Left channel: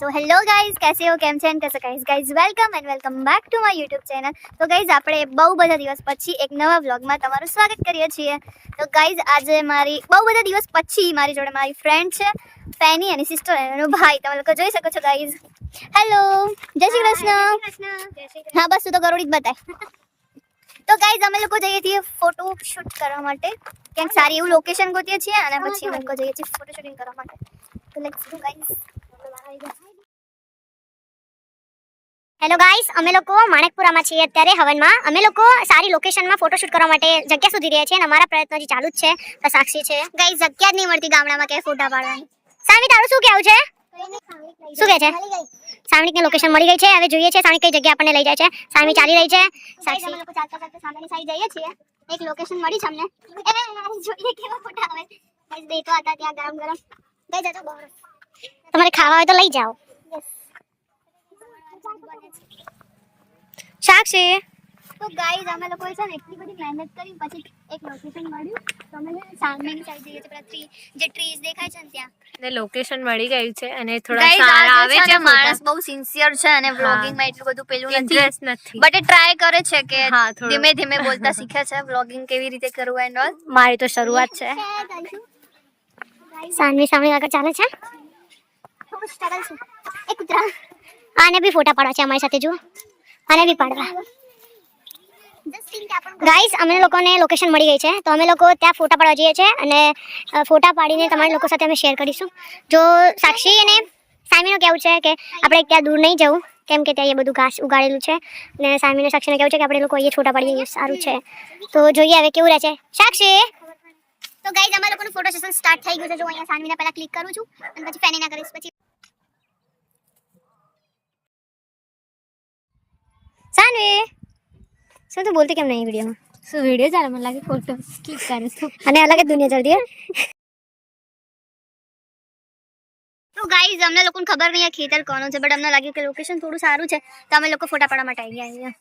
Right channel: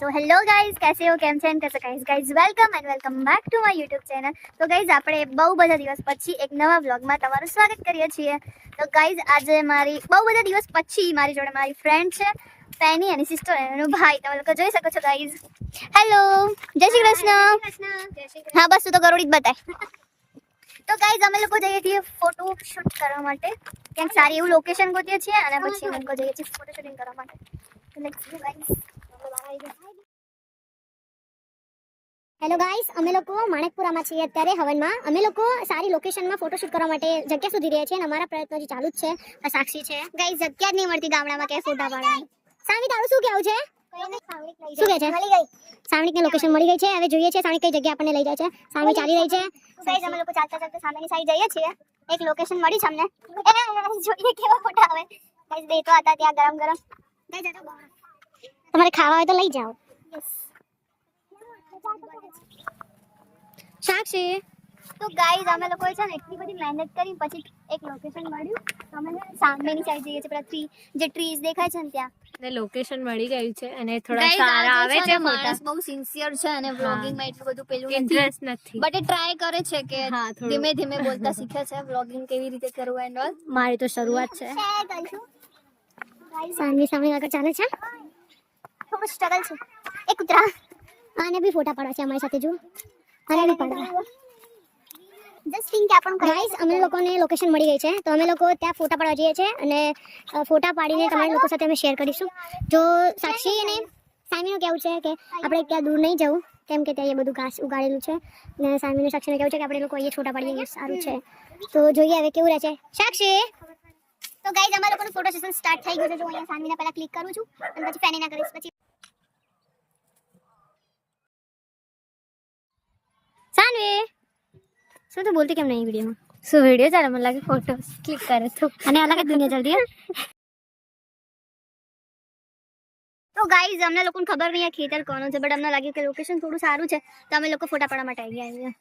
So hello guys कैसे हो केम छे कैसे guys welcome back to my YouTube channel. तो गाइज આપણે બહુ બધા દિવસ પછી એક નવા વ્લોગમાં તમારું સ્વાગત કરીએ છીએ। તો ગાइज આજે મારી બહુ બધા દિવસ પછી મારી જોડે મારી ફ્રેન્ડ છે પેની અને સિસ્ટર એનો ભાઈ તમે લોકો જોઈ શકો છો ગાइज। હેલો જય શ્રી કૃષ્ણ। હા બસ તું તો ગરોડી જ બતાય। તો ગાइज અમે લોકો જઈએ છીએ ફોટો શૂટ કરવા માટે ક્યાંક સારી એવું લોકેશન ગોતીએ છીએ અને પછી અમે લોકો જઈએ છીએ ફોટો શૂટિંગ કરવા માટે। તો લેટ્સ ગો ગાइज। हेलो गाइस अमे लोग माणिकपुरा में छीए अत्यारे हवन में अमे लोग सारी लोकेशन में फोटोशूट करवा माटे जग्या सुधी रह्या छे अने अमारा प्रयत्न हजी चालू ज छे। तो साक्षी छे गाइस जग्या ज नहीं मळती गामडा में के फोटा पाडवानी। सामी तारू शुं कहेवुं छे शुं कहे छे सामी ने लोकेशन मळी गई छे हवे जोईए छे सामी कई जग्या आपने लई जाय छे। सामी चाली रही छे साक्षी अमे लोग चालता चालता सामेनी साइड जईए छीए एक लोकेशन मळी छे अमने जोईए केवा फोटा आवे गाइस देखो आता त्या गरम गरम गई जतो तमारे खावा होय तो लई जाओ। साक्षी तो गाइस અમે લોકોએ છે ને એટલી બધી મહેનત કરી પછી એક લોકેશન મળ્યું તો અમે સામેની સાઈડ જઈએ છે પેલા જે ટ્રીઝ દેખાય છે ને ત્યાં ને લોકેશન મળી ગયું છે અને થોડા સારા આવે છે માણસ બહુ સિન્સિયર છે અને વ્લોગિંગ માં એટલું બધું પેલું ઇન્ટરેસ્ટ નથી બટ એ ટ્રાય કરે છે કે હા થોડું ધીમે ધીમે બોલતા શીખે છે વ્લોગિંગ કેવી રીતે કરવું એન્ડ ઓલ। મારી તો શરૂઆત છે સાનવી સામે આગળ ચાલે છે ખૂબ સ્ટ્રગલ છે એક કૂતરા આને બી ફોટા પાડવા છે અમારી સાથે જો આને બી પાડવા। गाइस अमे लोकोने लोकेशन मળી गई છે તો અમે લોકો ત્યાં ફોટા પાડવા જઈએ છે અને ફોટા પાડીને તમારા લોકો સાથે અમે શેર કરીશું। જો સાક્ષી અને સામીનો કેવું છે કે આપણે ત્યાં દૂર નહીં જવું કેમ કે ત્યાં એ બધું ઘાસ ઉગાડેલું છે અને સામીને સાક્ષીને કેવું છે કે આપણે લોકો અહીંયા છોટા પાડીએ સારું છે। તો જોઈએ હવે કેવું રહે છે સાક્ષી। તો ગાइस અમારા લોકોનું ફોટો સેશન સ્ટાર્ટ થઈ ગયું છે। જો અહીંયા સામીને પહેલા ક્લિક કરું છું અને પછી ફેનીના કરીશ પછી સાનવી શું तो बोलती કેમ નહીં वीडियो में શું વિડિયો ચાલે મને લાગે ફોટો ક્લિક કરે છે અને અલગ જ દુનિયા ચાલતી है। તો ગાઈઝ અમને લોકોને ખબર નહીં આ ખેતર કોનું છે બટ અમને લાગ્યું કે લોકેશન થોડું સારું છે તો અમે લોકો ફોટા પાડવા માટે આવી ગયા।